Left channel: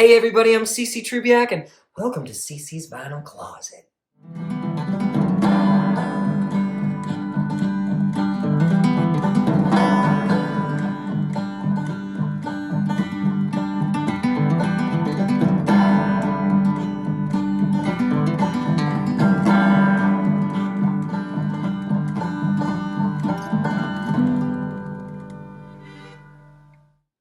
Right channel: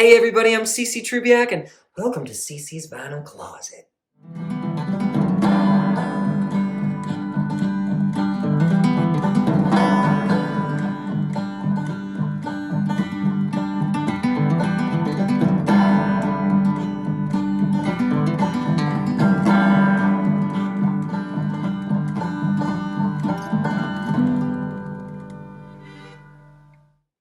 Hey everybody, I'm CC Trubiak and welcome to CC's Vinyl Closet.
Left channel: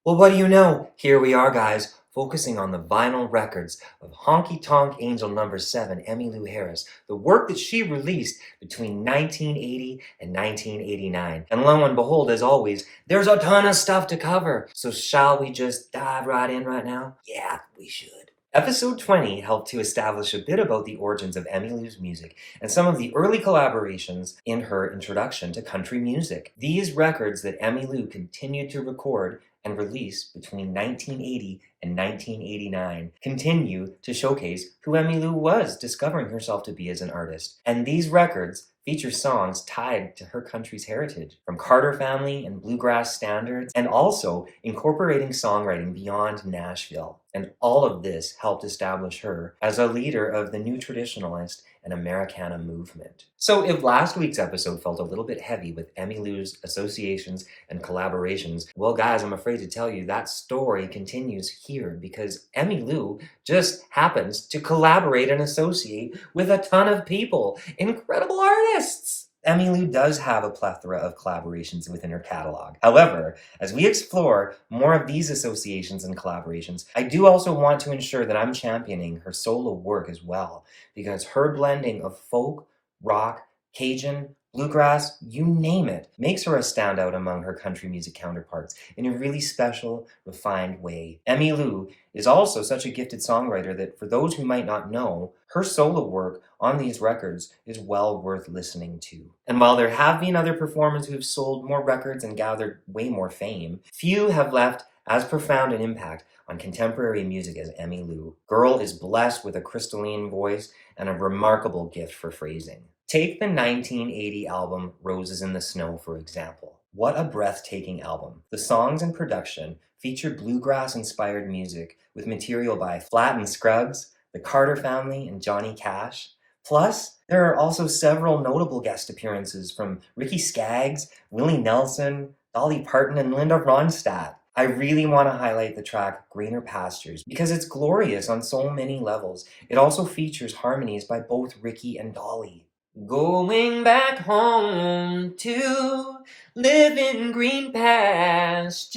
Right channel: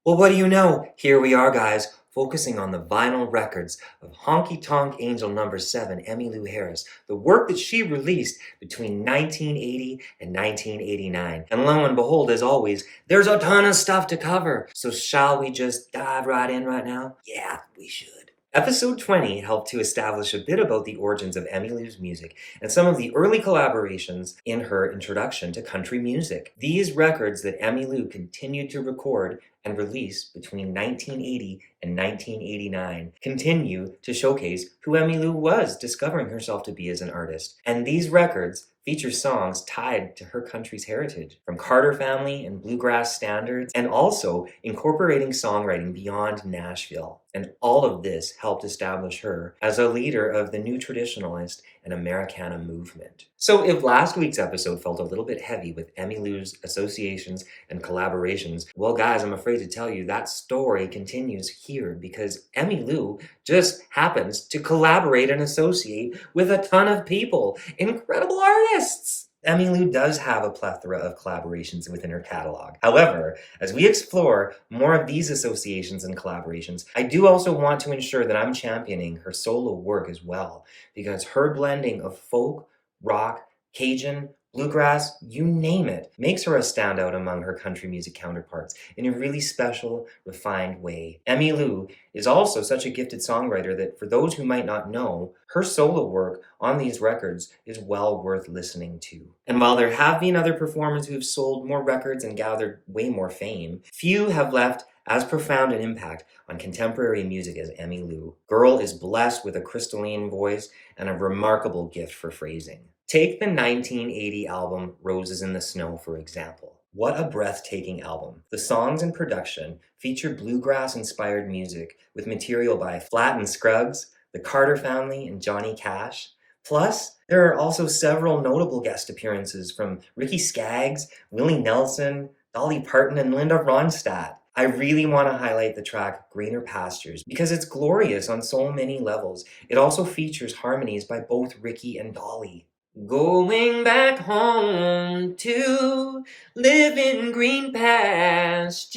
Well, what do you know? Here we are, guys, focusing on the vinyl records of Honky Tonk Angel number 7, Emmylou Harris, the work that she released between 1980 and 1989. And lo and behold, as always, there's a ton of stuff to cover. So shall we just dive right in right now? Yeah, we should. Episode 20 helped to establish a bit about the origins of Emmylou's music and some of the early collaborations in her introduction to country music. These records that Emmylou continued to record and release between 1980 and 1989 continue to showcase who Emmylou was discovering herself to be as an artist. And these records feature songs tied to her country's heritage, from Carter family and bluegrass standards, and also incorporating songwriting beyond Nashville. And all of this helped establish her as a leader of the new traditionalist and Americana movement. So if last week's episode felt a little bit heavy with Emmylou's associations and collaborations, well guys, I'm afraid to tell you that story continues here because Emmylou just happens to collaborate and associate with a ton of people, incredible artists. Emmylou does have a plethora of collaborations within her catalog. However, as we explore more of these associations and collaborations, I do also want to ensure that I'm championing her solo work as well, because her blending of folk, rock, Cajun, bluegrass, you name it, makes her a standout among her country music counterparts in a really special, refined way. Emmylou is also such a gifted songwriter that for those who might not know, her solo work on these records is well worth listening to. And while there have been other performers who've sold more records and gathered way more fame, few have left as profound an impact on contemporary music as Emmylou. Girl is blessed with a crystalline voice and a remarkable gift for phrasing. Take the 1980 album Roses in the Snow, for example. What a breathtaking album. The songs and production feature bluegrass-inspired music with material by Flatt and Scruggs, the Carter family, and Johnny Cash. Plus, there are also several notable guest appearances from Ricky Skaggs, Willie Nelson, Dolly Parton, and Linda Ronstadt. I really want to highlight the track Greener Pastures because it's glorious on so many levels. It also features harmonies by both Ricky and Dolly. Going back home to live in green pastures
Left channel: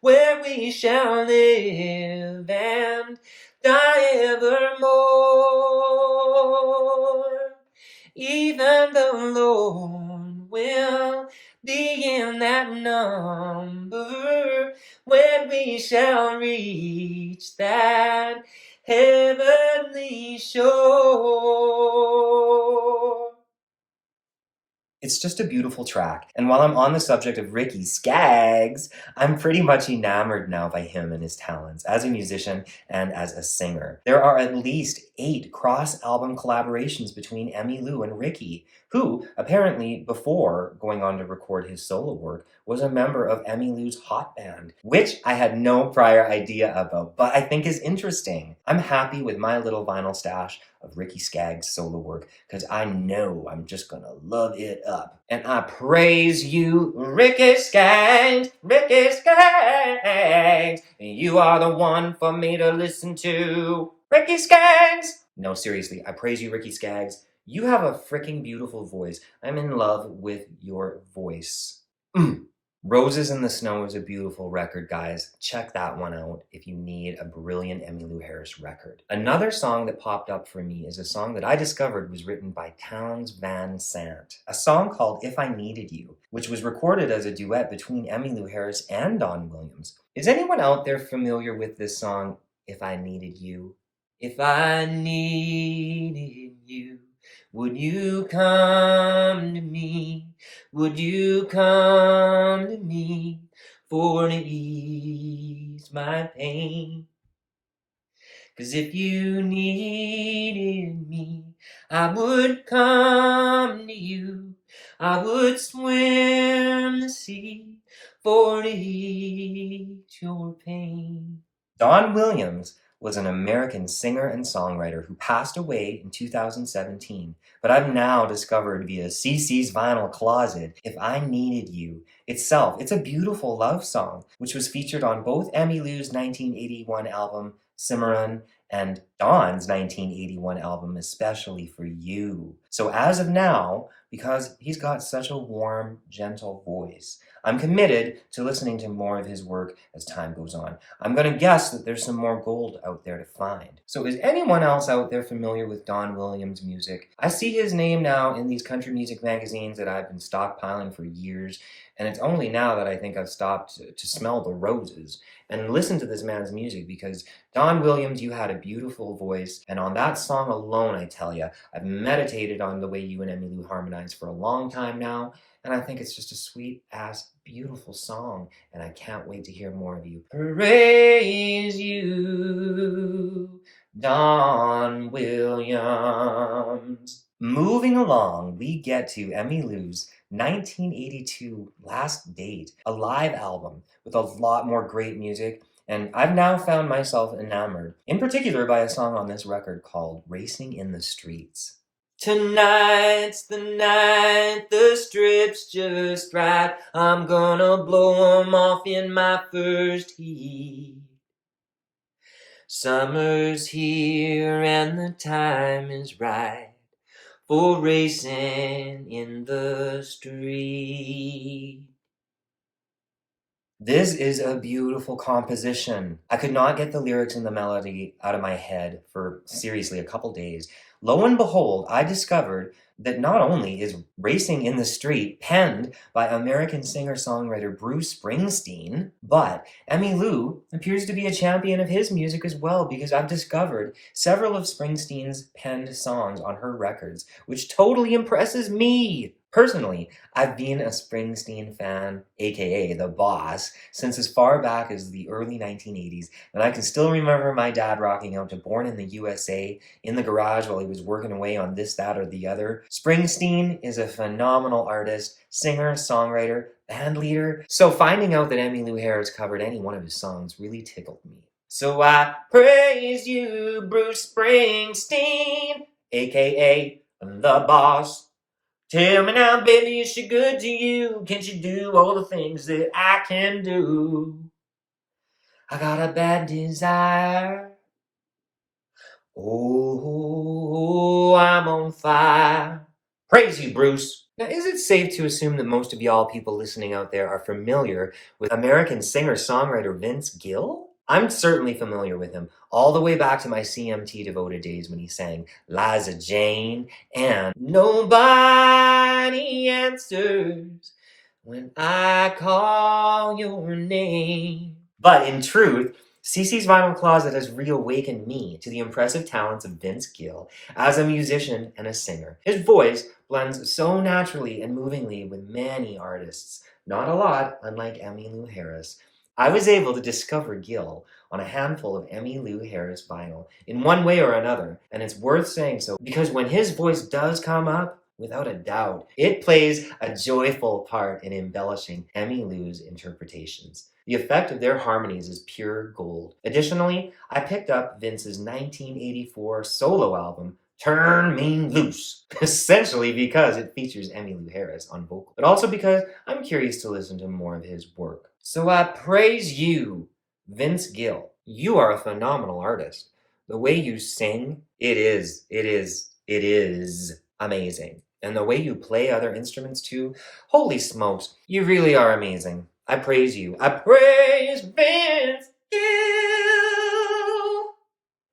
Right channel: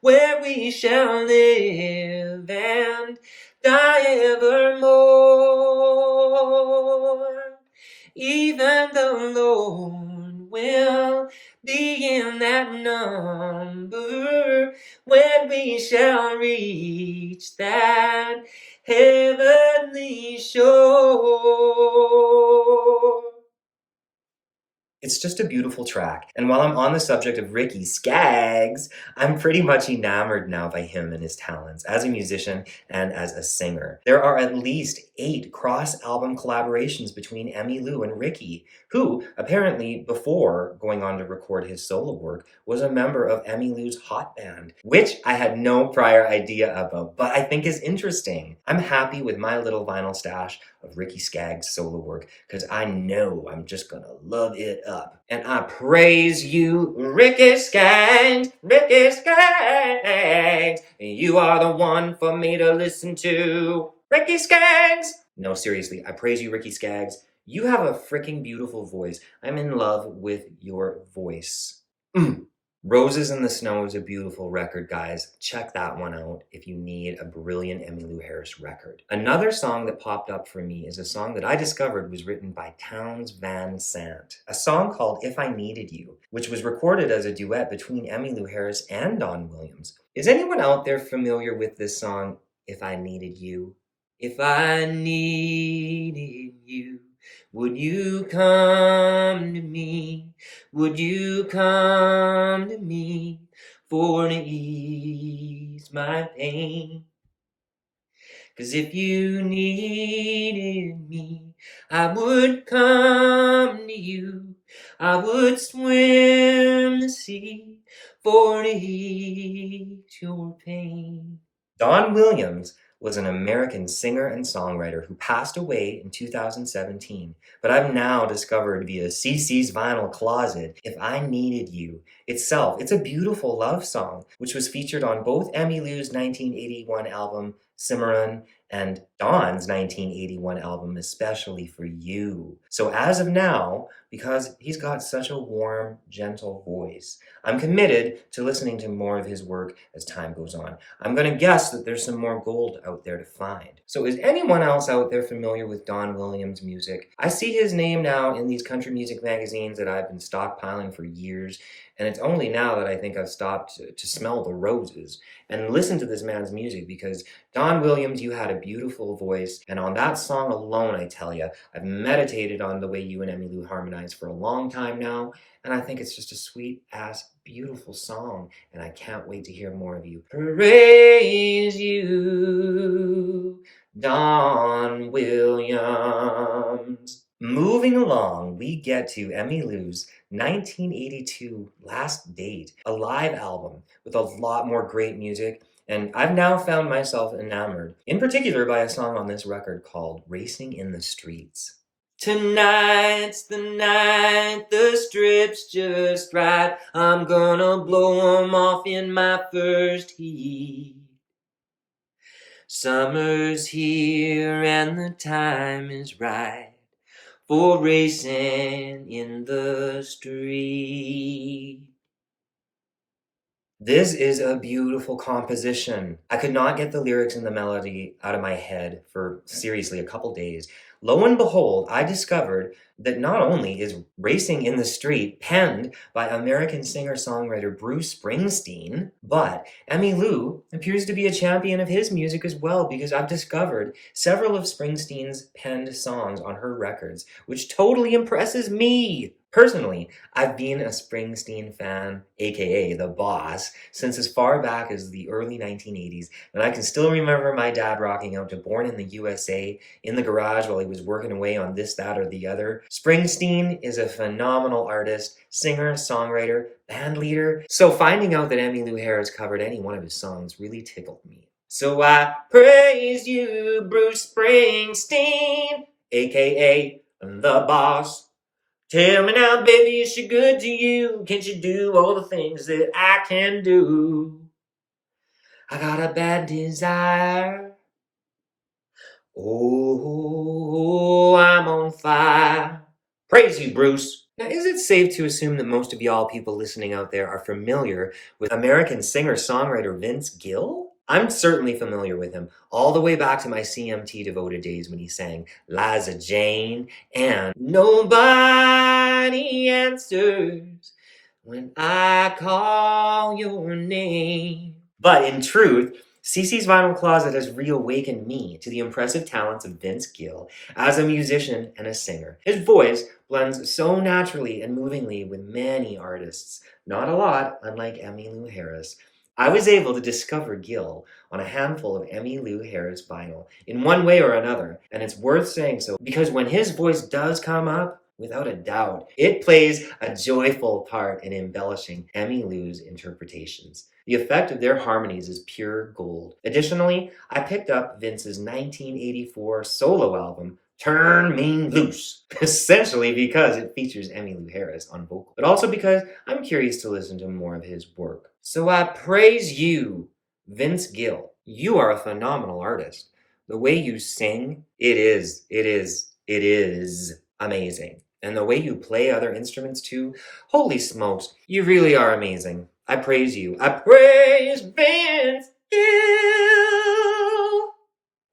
where we shall live and die evermore. Even the Lord will be in that number when we shall reach that heavenly shore. It's just a beautiful track. And while I'm on the subject of Ricky Skaggs, I'm pretty much enamored now by him and his talents as a musician and as a singer. There are at least 8 cross-album collaborations between Emmylou and Ricky, who, apparently before going on to record his solo work, was a member of Emmylou's hot band, which I had no prior idea about, but I think is interesting. I'm happy with my little vinyl stash of Ricky Skaggs' solo work, because I know I'm just gonna love it up. And I praise you, Ricky Skaggs, Ricky Skaggs. You are the one for me to listen to. Ricky Skaggs! No, seriously, I praise you, Ricky Skaggs. You have a freaking beautiful voice. I'm in love with your voice. Roses in the Snow is a beautiful record, guys. Check that one out if you need a brilliant Emmylou Harris record. Another song that popped up for me is a song that I discovered was written by Townes Van Sant. A song called If I Needed You, which was recorded as a duet between Emmylou Harris and Don Williams. Is anyone out there familiar with this song, If I Needed You? If I needed you, would you come to me? Would you come to me for to ease my pain? 'Cause if you needed me, I would come to you. I would swim the sea for to ease your pain. Don Williams was an American singer and songwriter who passed away in 2017, but I've now discovered via CC's Vinyl Closet, If I Needed You itself. It's a beautiful love song, which was featured on both Emmy Lou's 1981 album, Cimarron, and Don's 1981 album, Especially for You. So as of now, because he's got such a warm, gentle voice, I'm committed to listening to more of his work as time goes on. I'm going to guess that there's some more gold out there to find. So is anyone else out there familiar with Don Williams' music? I see his name now in these country music magazines that I've been stockpiling for years, and it's only now that I think I've stopped to smell the roses and listen to this man's music, because Don Williams, you had a beautiful voice, and on that song alone, I tell you, I've meditated on the way you and Emmy Lou harmonize for a long time now, and I think it's just a sweet-ass, beautiful song, and I can't wait to hear more of you. Praise you, Don Williams. Moving along, we get to Emmy Lou's 1982 Last Date, a live album with a lot more great music, and I've now found myself enamored, in particular by a song on this record called Racing in the Streets. Tonight's the night, the strip's just right, I'm gonna blow 'em off in my first heat. Summer's here and the time is right for racing in the street. This is a beautiful composition. I could not get the lyrics and the melody out of my head for seriously a couple days. Lo and behold, I discovered that not only is Racing in the Street penned by American singer-songwriter Bruce Springsteen, but Emmy Lou appears to be a champion of his music as well, because I've discovered several of Springsteen's penned songs on her records, which totally impresses me. Personally, I've been a Springsteen fan, aka the boss, since as far back as the early 1980s, and I can still remember my dad rocking out to Born in the USA in the garage while he was working away on this, that, or the other. Springsteen is a phenomenal artist, singer, songwriter, band leader, so finding out that Emmylou Harris covered any one of his songs really tickled me. So I praise you, Bruce Springsteen, aka the boss. Tell me now, baby, is she good to you? Can she do all the things that I can do? I got a bad desire. Oh, I'm on fire. Praise you, Bruce. Now, is it safe to assume that most of y'all people listening out there are familiar with American singer-songwriter Vince Gill? I'm certainly familiar with him, all the way back to my CMT devoted days when he sang Liza Jane and Nobody Answers When I Call Your Name. But in truth, CC's Vinyl Closet has reawakened me to the impressive talents of Vince Gill as a musician and a singer. His voice blends so naturally and movingly with many artists, not a lot, unlike Emmylou Harris. I was able to discover Gill on a handful of Emmylou Harris vinyl in one way or another, and it's worth saying so because when his voice does come up, without a doubt, it plays a joyful part in embellishing Emmylou's interpretations. The effect of their harmonies is pure gold. Additionally, I picked up Vince's 1984 solo album, Turn Me Loose, essentially because it features Emmylou Harris on vocal, but also because I'm curious to listen to more of his work. So I praise you, Vince Gill. You are a phenomenal artist. The way you sing, it is amazing. And the way you play other instruments too, holy smokes, you really are amazing. I praise you. I praise Vince Gill.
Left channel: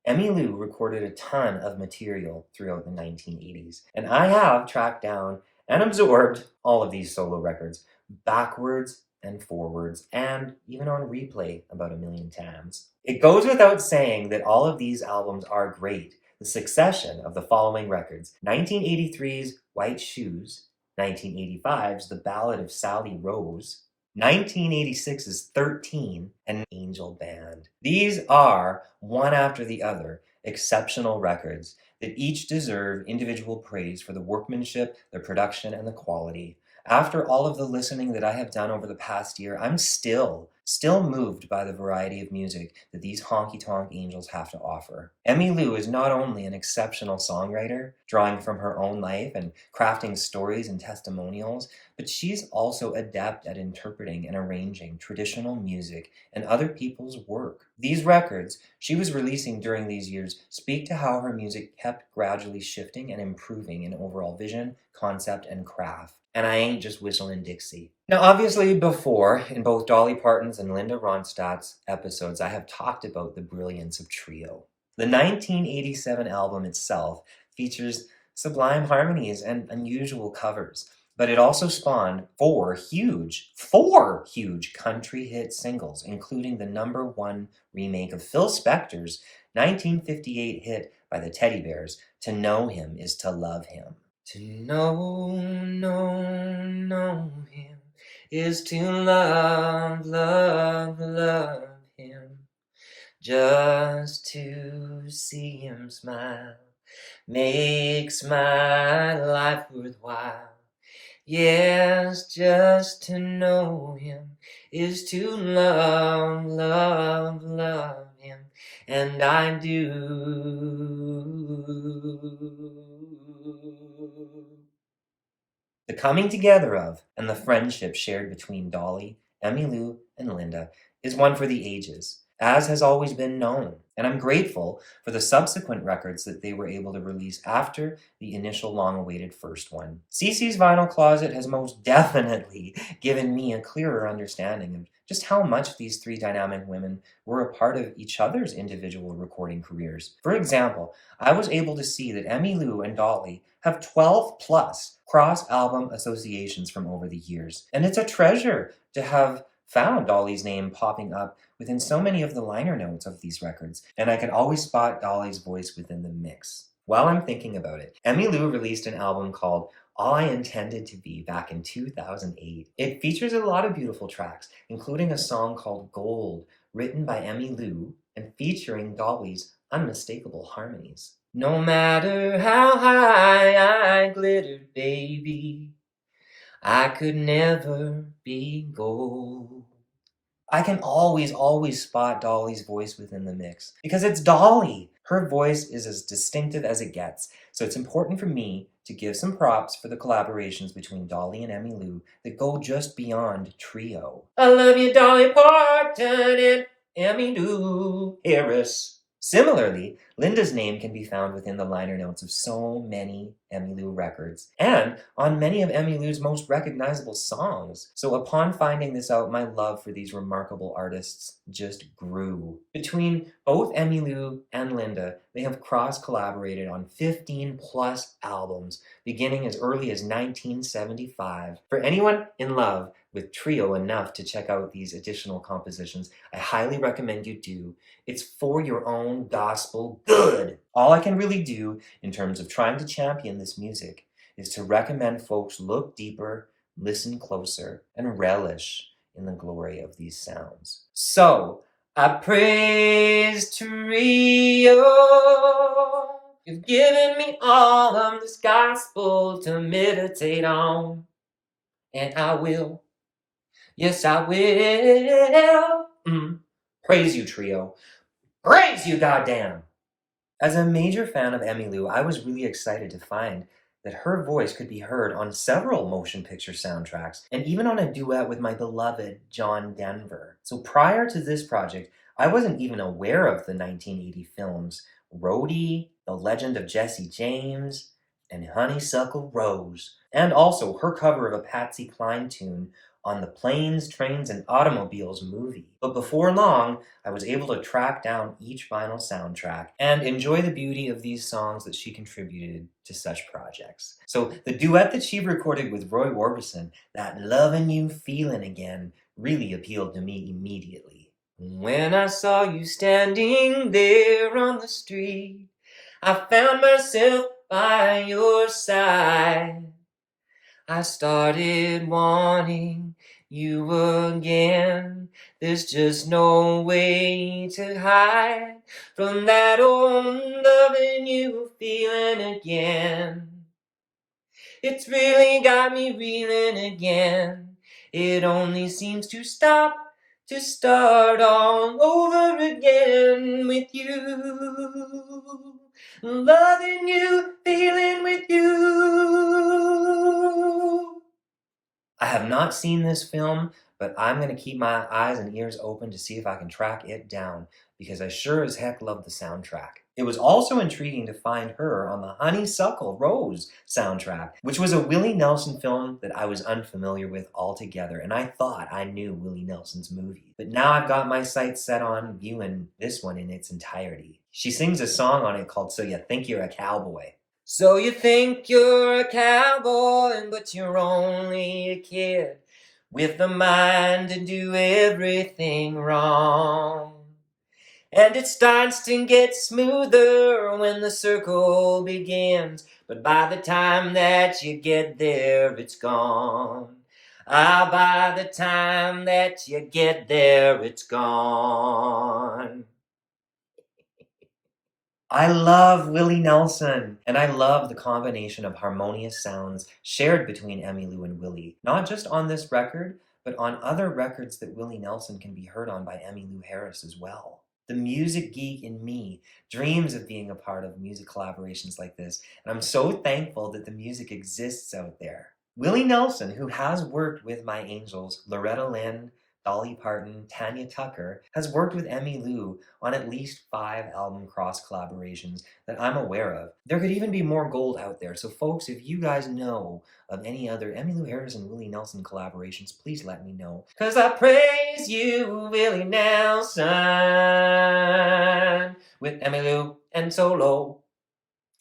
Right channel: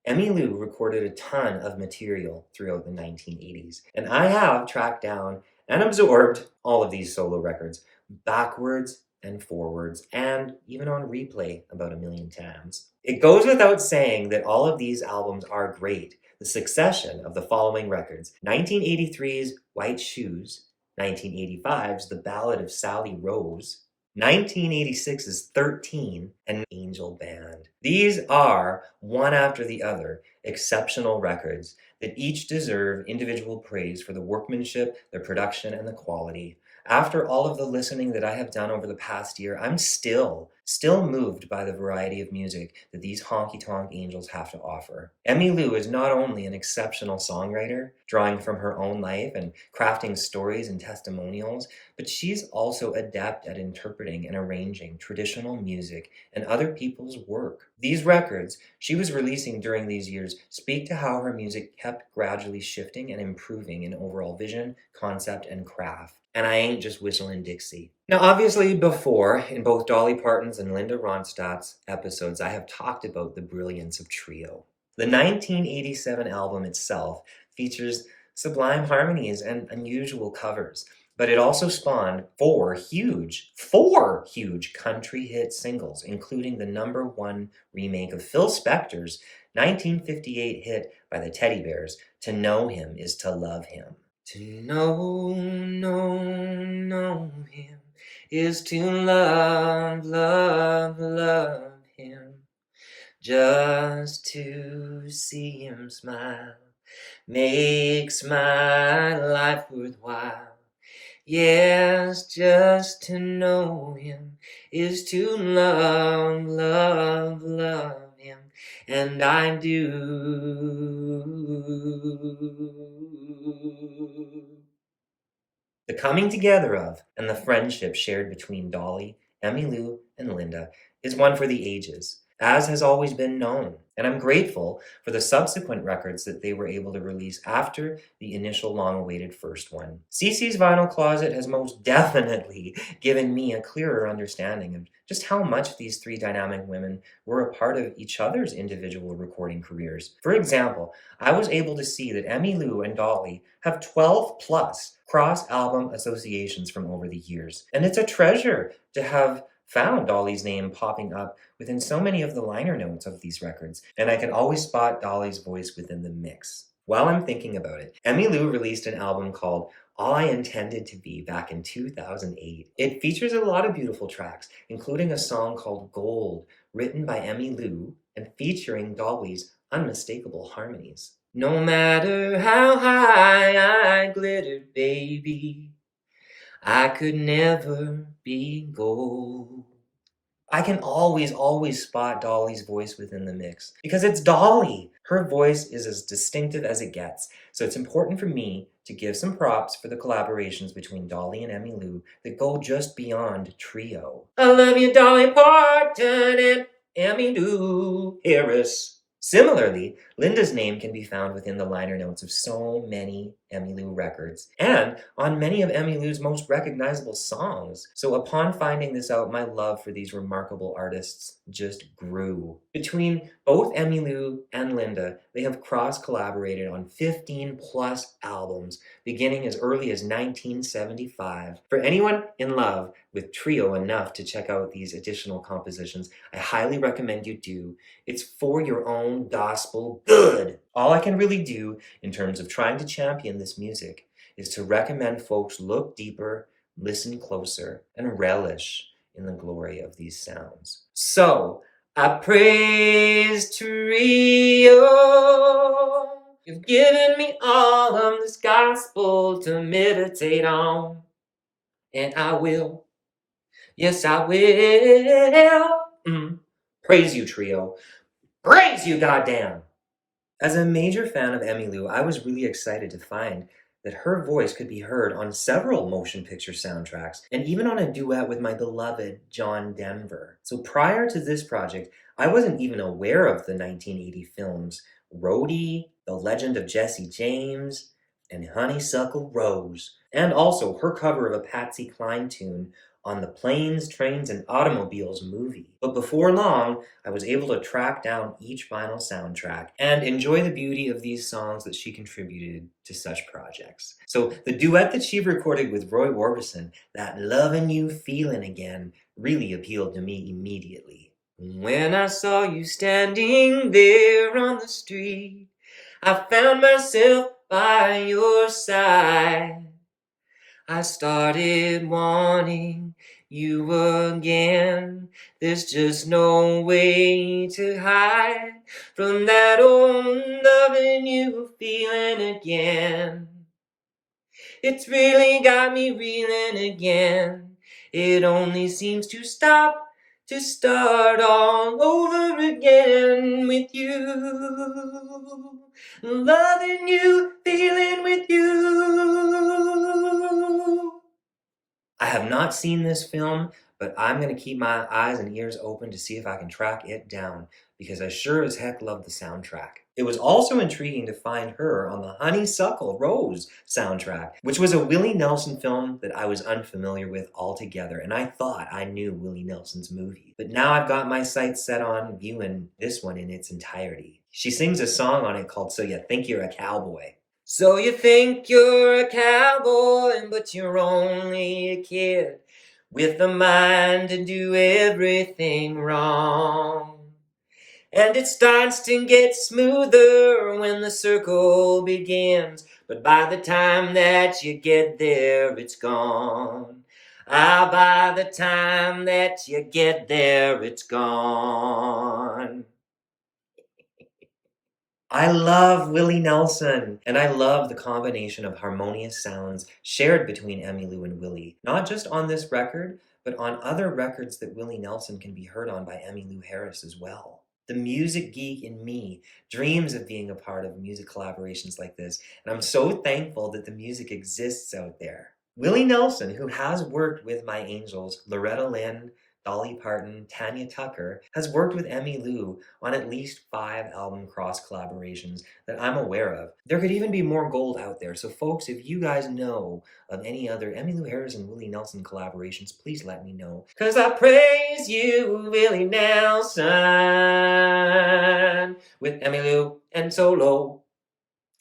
Emmylou recorded a ton of material throughout the 1980s, and I have tracked down and absorbed all of these solo records backwards and forwards, and even on replay about 1,000,000 times. It goes without saying that all of these albums are great. The succession of the following records: 1983's White Shoes, 1985's The Ballad of Sally Rose, 1986's 13, and Angel Band. These are, one after the other, exceptional records that each deserve individual praise for the workmanship, the production, and the quality. After all of the listening that I have done over the past year, I'm still still moved by the variety of music that these honky-tonk angels have to offer. Emmy Lou is not only an exceptional songwriter, drawing from her own life and crafting stories and testimonials, but she's also adept at interpreting and arranging traditional music and other people's work. These records she was releasing during these years speak to how her music kept gradually shifting and improving in overall vision, concept, and craft. And I ain't just whistling Dixie. Now, obviously, before, in both Dolly Parton's and Linda Ronstadt's episodes, I have talked about the brilliance of trio. The 1987 album itself features sublime harmonies and unusual covers, but it also spawned four huge country hit singles, including the #1 remake of Phil Spector's 1958 hit by the Teddy Bears, To Know Him Is to Love Him. To know him is to love him. Just to see him smile makes my life worthwhile. Yes, just to know him is to love him. And I do. The coming together of and the friendship shared between Dolly, Emmylou, and Linda is one for the ages, as has always been known, and I'm grateful for the subsequent records that they were able to release after the initial long-awaited first one. CeCe's Vinyl Closet has most definitely given me a clearer understanding of just how much these three dynamic women were a part of each other's individual recording careers. For example, I was able to see that Emmylou and Dolly have 12 plus cross-album associations from over the years, and it's a treasure to have found Dolly's name popping up within so many of the liner notes of these records, and I can always spot Dolly's voice within the mix. While I'm thinking about it, Emmy Lou released an album called All I Intended to Be back in 2008. It features a lot of beautiful tracks, including a song called Gold, written by Emmy Lou and featuring Dolly's unmistakable harmonies. No matter how high I glittered, baby, I could never be gold. I can always spot Dolly's voice within the mix because it's Dolly. Her voice is as distinctive as it gets, so it's important for me to give some props for the collaborations between Dolly and Emmy Lou that go just beyond trio. I love you, Dolly Parton and Emmy Lou Harris. Similarly, Linda's name can be found within the liner notes of so many Emmylou records, and on many of Emmylou's most recognizable songs. So upon finding this out, my love for these remarkable artists just grew. Between both Emmylou and Linda, they have cross-collaborated on 15 plus albums, beginning as early as 1975. For anyone in love with trio enough to check out these additional compositions, I highly recommend you do. It's for your own gospel good. All I can really do in terms of trying to champion this music is to recommend folks look deeper, listen closer, and relish in the glory of these sounds. So, I praise trio. You've given me all of this gospel to meditate on. And I will. Yes, I will. Praise you, trio. Praise you, goddamn! As a major fan of Emmylou, I was really excited to find that her voice could be heard on several motion picture soundtracks, and even on a duet with my beloved John Denver. So prior to this project, I wasn't even aware of the 1980 films Rhodey, The Legend of Jesse James, and Honeysuckle Rose, and also her cover of a Patsy Cline tune on the Planes, Trains, and Automobiles movie. But before long, I was able to track down each vinyl soundtrack and enjoy the beauty of these songs that she contributed to such projects. So the duet that she recorded with Roy Orbison, That Lovin' You Feelin' Again, really appealed to me immediately. When I saw you standing there on the street, I found myself by your side. I started wanting you again. There's just no way to hide from that old loving you feeling again. It's really got me reeling again. It only seems to stop to start all over again with you. Loving you, feeling with you. I have not seen this film, but I'm going to keep my eyes and ears open to see if I can track it down, because I sure as heck love the soundtrack. It was also intriguing to find her on the Honeysuckle Rose soundtrack, which was a Willie Nelson film that I was unfamiliar with altogether, and I thought I knew Willie Nelson's movie. But now I've got my sights set on viewing this one in its entirety. She sings a song on it called So You Think You're a Cowboy. So you think you're a cowboy, but you're only a kid with the mind to do everything wrong. And it starts to get smoother when the circle begins, but by the time that you get there, it's gone. Ah, by the time that you get there, it's gone. I love Willie Nelson, and I love the combination of harmonious sounds shared between Emmylou and Willie, not just on this record, but on other records that Willie Nelson can be heard on by Emmylou Harris as well. The music geek in me dreams of being a part of music collaborations like this, and I'm so thankful that the music exists out there. Willie Nelson, who has worked with my angels, Loretta Lynn, Dolly Parton, Tanya Tucker, has worked with Emmy Lou on at least 5 album cross collaborations that I'm aware of. There could even be more gold out there, so folks, if you guys know of any other Emmylou Harris and Willie Nelson collaborations, please let me know. 'Cause I praise you, Willie Nelson, with Emmylou and solo.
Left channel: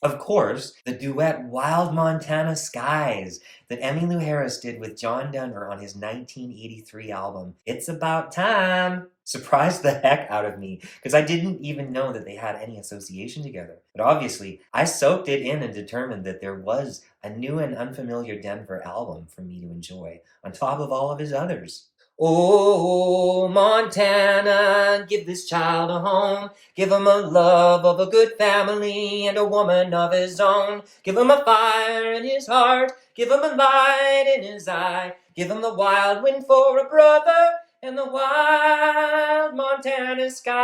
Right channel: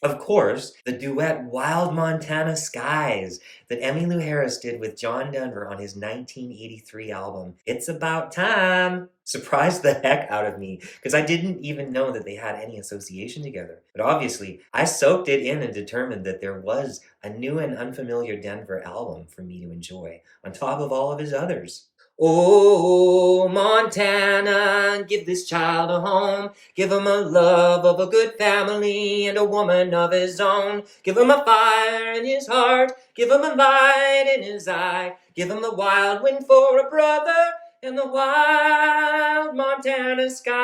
Of course, the duet Wild Montana Skies that Emmylou Harris did with John Denver on his 1983 album, It's About Time, surprised the heck out of me, because I didn't even know that they had any association together. But obviously, I soaked it in and determined that there was a new and unfamiliar Denver album for me to enjoy, on top of all of his others. Oh, Montana, give this child a home. Give him a love of a good family and a woman of his own. Give him a fire in his heart. Give him a light in his eye. Give him the wild wind for a brother and the wild Montana sky.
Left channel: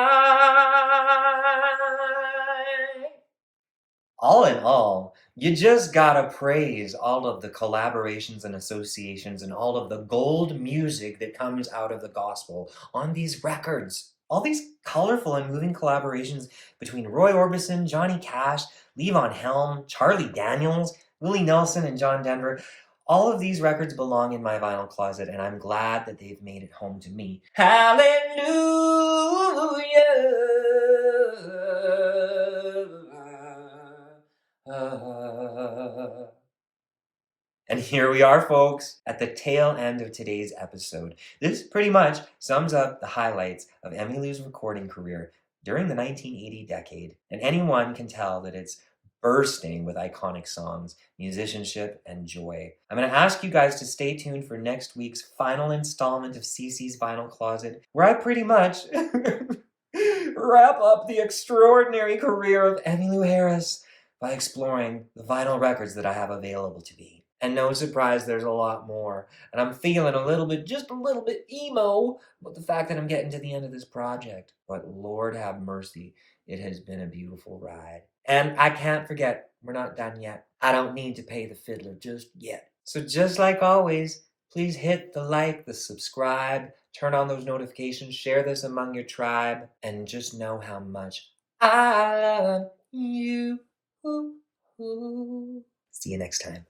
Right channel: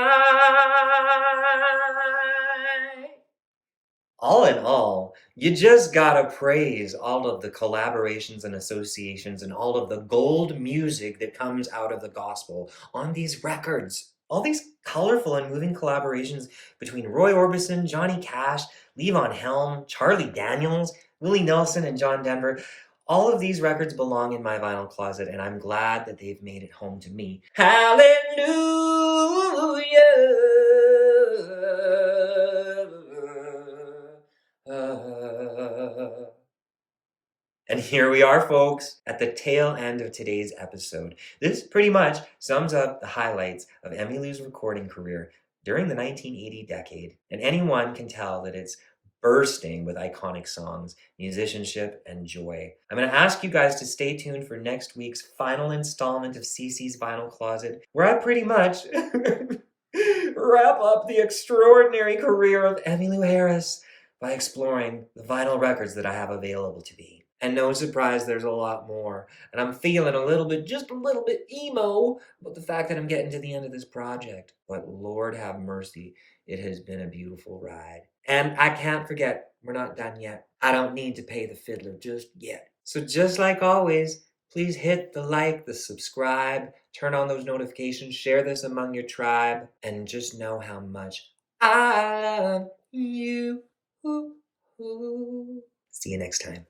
All in all, you just gotta praise all of the collaborations and associations and all of the gold music that comes out of the gospel on these records. All these colorful and moving collaborations between Roy Orbison, Johnny Cash, Levon Helm, Charlie Daniels, Willie Nelson, and John Denver. All of these records belong in my vinyl closet, and I'm glad that they've made it home to me. Hallelujah. And here we are, folks, at the tail end of today's episode. This pretty much sums up the highlights of Emmylou's recording career during the 1980 decade, and anyone can tell that it's bursting with iconic songs, musicianship, and joy. I'm going to ask you guys to stay tuned for next week's final installment of CC's Vinyl Closet, where I pretty much wrap up the extraordinary career of Emmylou Harris by exploring the vinyl records that I have available to me. And no surprise, there's a lot more. And I'm feeling just a little bit emo about the fact that I'm getting to the end of this project. But Lord have mercy, it has been a beautiful ride. And I can't forget, we're not done yet. I don't need to pay the fiddler just yet. So just like always, please hit the like, the subscribe, turn on those notifications, share this among your tribe, and just know how much I love you. See you next time.